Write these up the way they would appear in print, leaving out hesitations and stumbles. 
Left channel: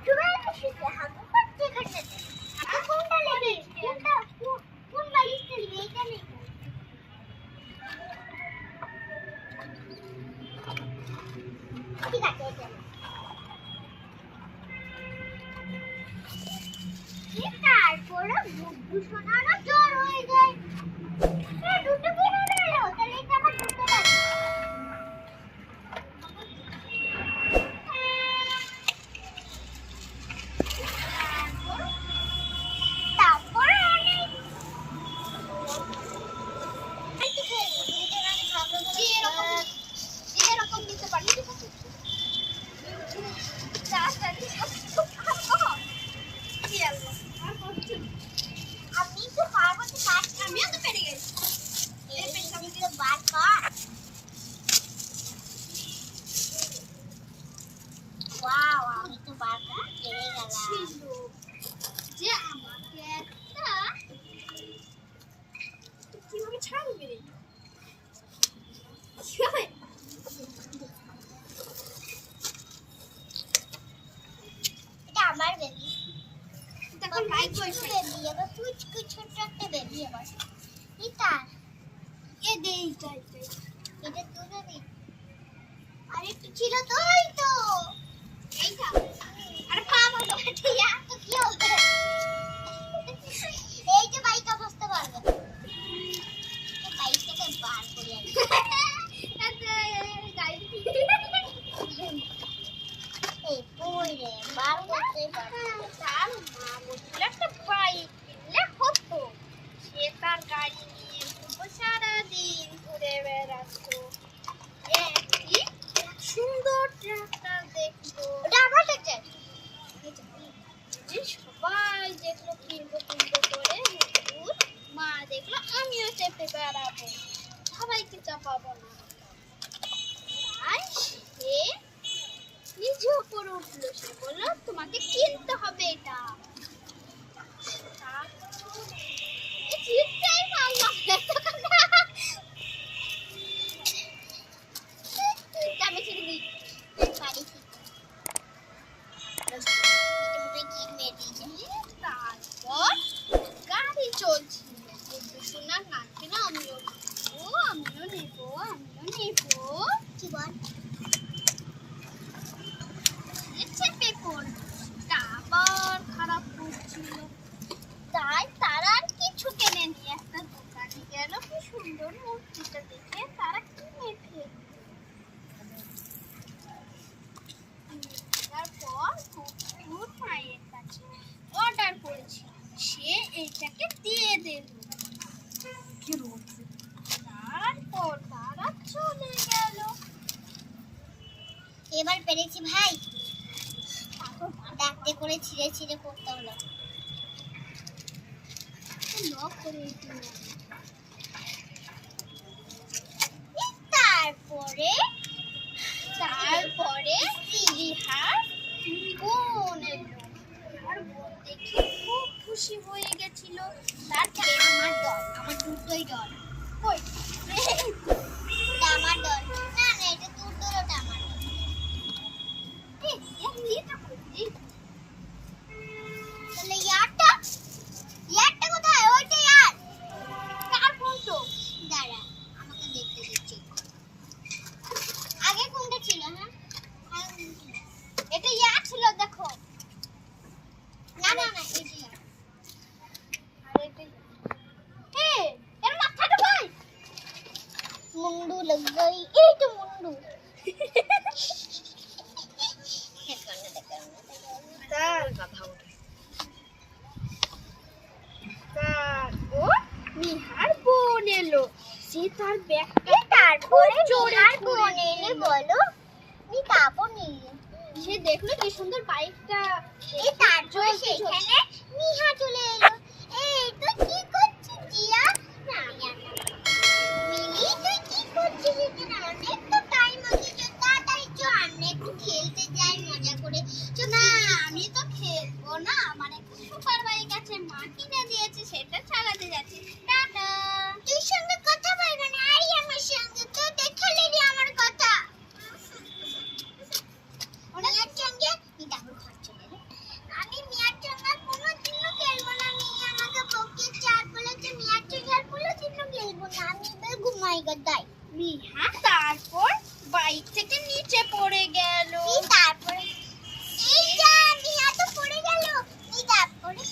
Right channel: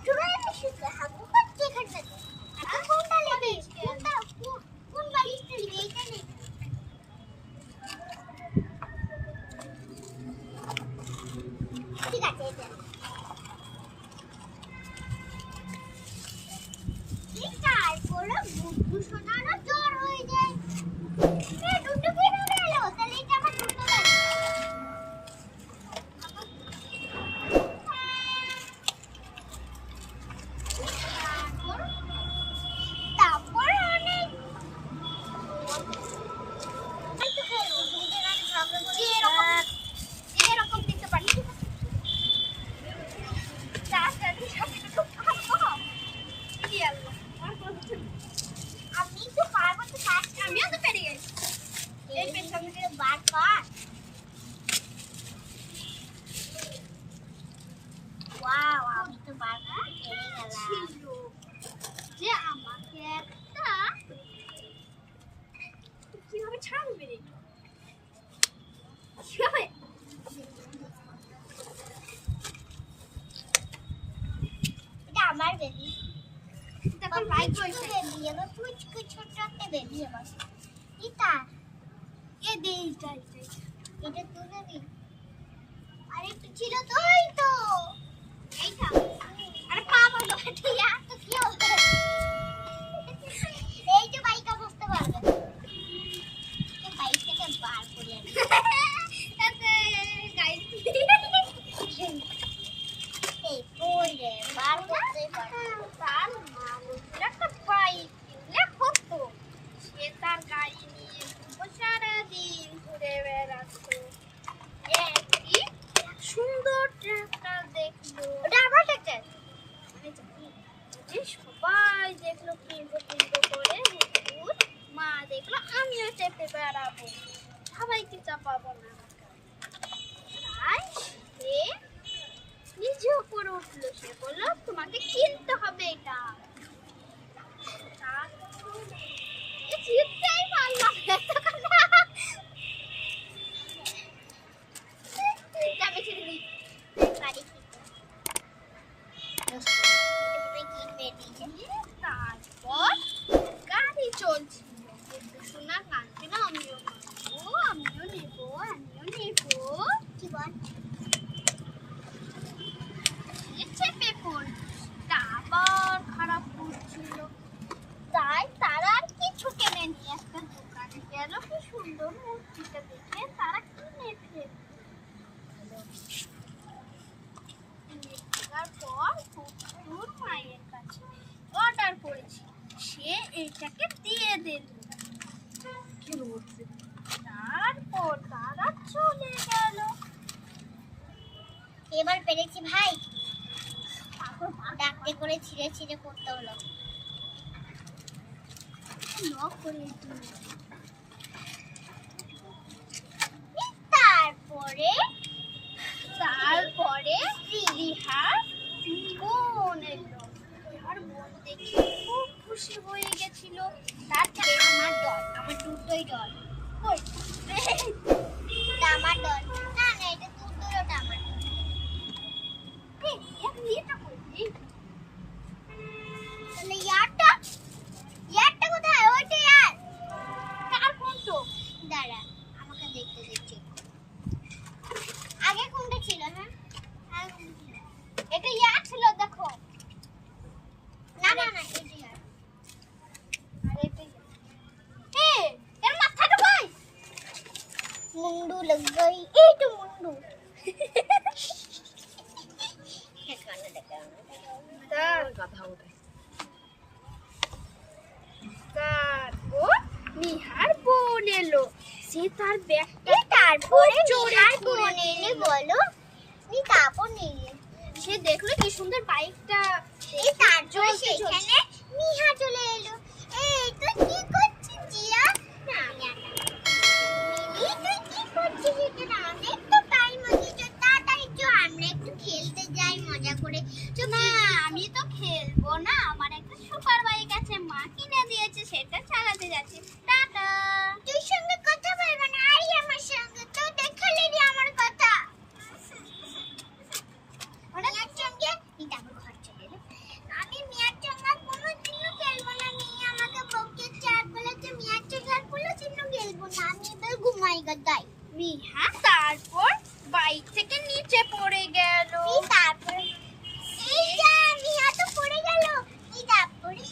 চুরা এসেছে হাগু করছে এখানটাতে কোনটা লেগে কোনটা কোন বালিশটা লেগে এটা নেই ঠিক আছে এটা তারপরে বুকু সোনারও জ্বর হয়ে যায় এ দুটো কি হয়ে গেল তাহলে এটা আমার দুটো লাগে কিভাবে ছাড়বে রে কিভাবে এটা আমার বেবি তখন লাইক করছে বেবি এবার পুচকু ছোট একটা বেবি এবার এটা এ দেই যাই এটা তো বেবি আরে তো ছিল তো এই তো এইটা আরে পা বন্ধ করে ইয়া তো কি হবে এই যে বাইকা বসতে পারবে তো বাইকটাকে বার করে আনি আচ্ছা গাইস এই পড়ে বার করতে পারবে তার মা বলছিল একটা বাইক লেখতো সে তার গাড়ি নিয়ে সারা দিন ঘুরে বেড়াতো কি সুন্দর ট্রাক্টর দেখলো ওটা আমার ট্রাক্টর সবাই দেখলো কিনবো করে মা দেখলো আমিও চেপে বেড়াবো সবাইকে চাপাবো না তাই সে নিজে উপরে উঠলো সে বললো তোমাকে কিনতে হবে এটা চিৎকার মারলাম আমি ছেড়ে দিই বাড়ি তারপর গাড়ি চলছিল সোনা কাঁদছিল আমিও নেবো কি বল চেপে পড়লো আবার খারাপ করছিল তাই তারা আর কিছু কেনেনি একটা দোকানে গেল কি সুন্দর মূর্তিটা দেখে তারা কিনে ফেলল তারপর কুকুর মায়ের কাছে অর্ডার করেছিল সে এইটাকে দিয়ে দিল তারপর তারা চলে গেল এবার পেরেছি ভাই ডাকতে করে ছিঁড়ে ছিঁড়ে পড়তে হলো লক করে তারপরে রিহার বোন এলো আর বোন দেখে খুব খুশি হয়ে গেছিল তারপরে আমার দল আমার দুটোই দল কই আমার দল না এটা তোর দল ওটা আমার দল এটা কই তাহলে ইয়ারটা কোথায় ওইটা ইয়ার কার ফোন তো দাঁড়া আমাকে দেখতে দিচ্ছি আগে কোনটা ছিল হ্যাঁ এটা ইয়ার ছিল দেখো না এটা ইয়ার আরে এটা এর মাথাটা ভাই মুন্ডু লগ গই এই তো মুন্ডু তার কথা ওঠে তারপর নিহার বোন এলো সে তার ব্যাগটা তারপরে চোরে বোন এলে বলো নি তারপর নিয়ে সে দেখলো কি সুন্দর বাইকটা এই তারপর সেখানে নিহা চলে এলো এই তুই কি করছিস জিয়া না মিলি তুই কি করছিস এখানে অনেক তো টাইম হয়ে গেছে তাড়াতাড়ি চল আমরা একটু খেলতে যাই মজা করে না আমি তো খেলবো না আমার একটা সুপার বাইক আছে মা কিনে দিয়েছে সেটা চালাতে যাচ্ছি টাটা তুই সঙ্গে কথা বলবো না আরে আমার সঙ্গে তো দেখালে রে আমার কথা ওনার সঙ্গে তারপর ঘর চলে এলো এবার দাই মিহা তারপর বাইক থেকে নিচে পড়ে গেল। তারপরে এই যা মিহা তো পড়ে গেল। এই তারপরে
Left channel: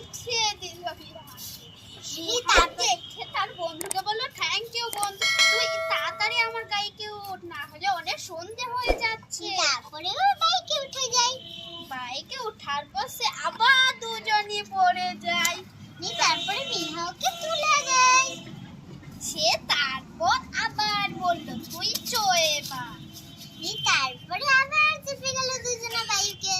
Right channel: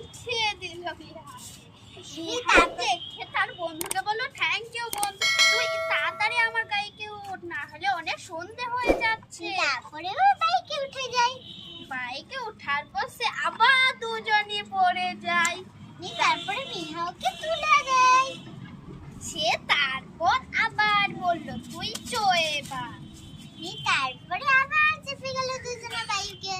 উঠিয়ে দিল মিহা। মিহা দেখে তার বন্ধুকে বলল, থ্যাংক ইউ বন্ধু, তুই তাড়াতাড়ি আমার গাড়িতে ওঠ, না হলে অনেক সন্ধে হয়ে যাচ্ছে। তারপরে ও বাইকে উঠে যায়। বাইকে ওঠার পর সে আবার দুজনে পড়ে যায়। তারপরে মিহা ওকে তুলে দেয়। সে তারপর আবার বলল, তুই চো এবার। তারপরে আবার চেপে গেল দুজনে বাইকে।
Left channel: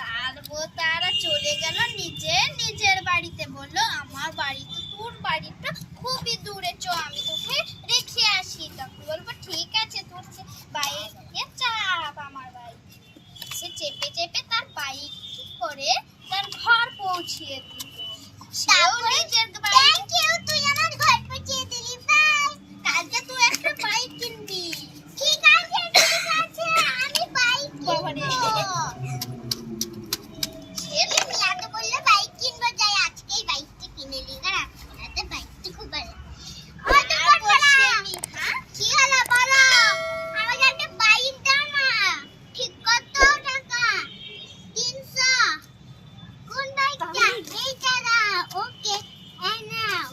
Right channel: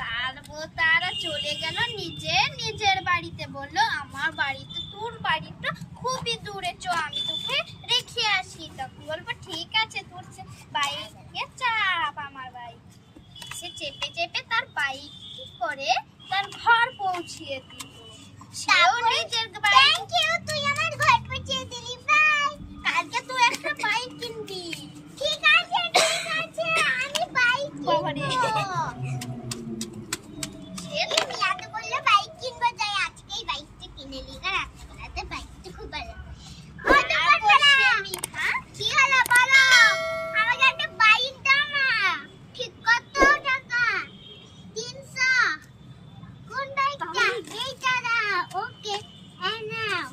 তারপর তারা চলে গেল নিজের বাড়িতে। বলল, আমার বাড়িতে তোর বাড়িটা খুবই দূরে, চো আমি তোকে রেখে আসি। তখন বলবো, ঠিক আছে, তোর বাইকে চাপ আমার বাইক। সে চেপে চেপে তার বাইক কি করে তার ঘর পৌঁছিয়ে দিল। সেও নিজের থ্যাংক ইউ, তুই আমার ঘর পৌঁছে দিলি। বাই। কালকে তুই একটা বাইক কিনবি। ঠিক আছে আমি বাইক কিনবো। মিয়া তো বললো বাইক কিনবো, যাই আজকেই বাইকটা কিনে নি। রাস্তাতে বাইকটা খুব ভালো। কি হলো বলো? আমাকে একটা বাইক দাও না। ঠিক কত টাকা? 300। কোন বাইকটা? এইটা দাও। ওকে, এই নাও।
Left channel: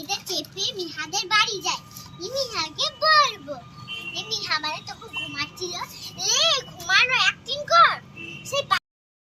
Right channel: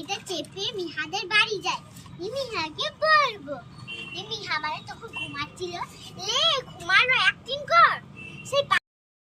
এটা চেপে মিহাদের বাড়ি যায়। মিহাকে বলবো। মিহা মানে তখন ঘুমাচ্ছিল। লে